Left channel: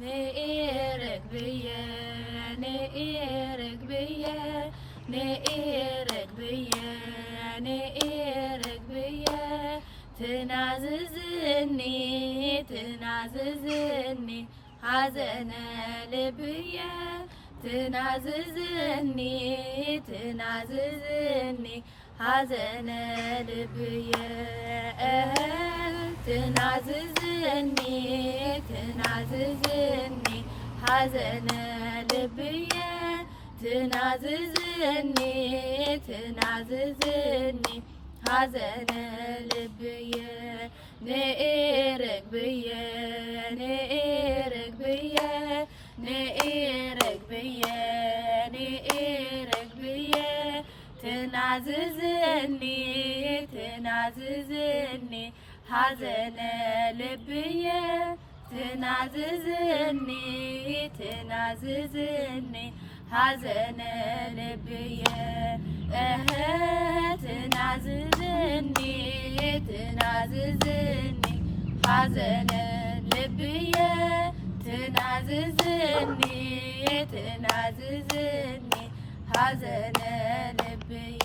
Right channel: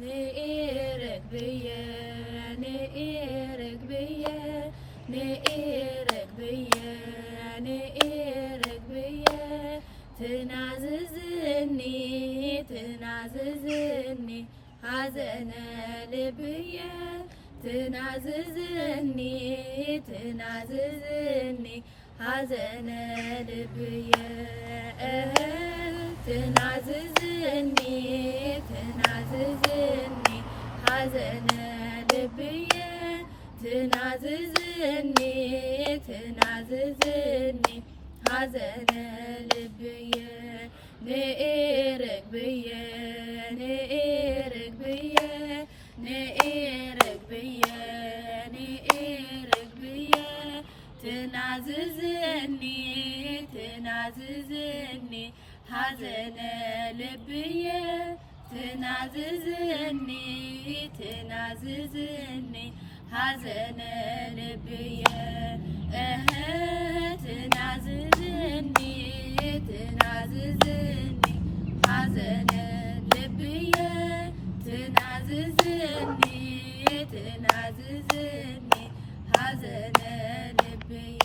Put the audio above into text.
ንኤርግብየ ንኤርግብየ ንኤርግብየ ንኤርግብየ ትናዝዝኒ ትናዝዝኒ ሐዘነ ልብየ ትናዝዝኒ ትናዝዝኒ ሐዘነ ልብየ ትናዝዝኒ ትናዝዝኒ ሐዘነ ልብየ ትናዝዝኒ ትናዝዝኒ ሐዘነ ልብየ ንኤርግብየ ንኤርግብየ ንኤርግብየ ንኤርግብየ ትናዝዝኒ ትናዝዝኒ ሐዘነ ልብየ ትናዝዝኒ ትናዝዝኒ ሐዘነ ልብየ ትናዝዝኒ ትናዝዝኒ ሐዘነ ልብየ ትናዝዝኒ ትናዝዝኒ ሐዘነ ልብየ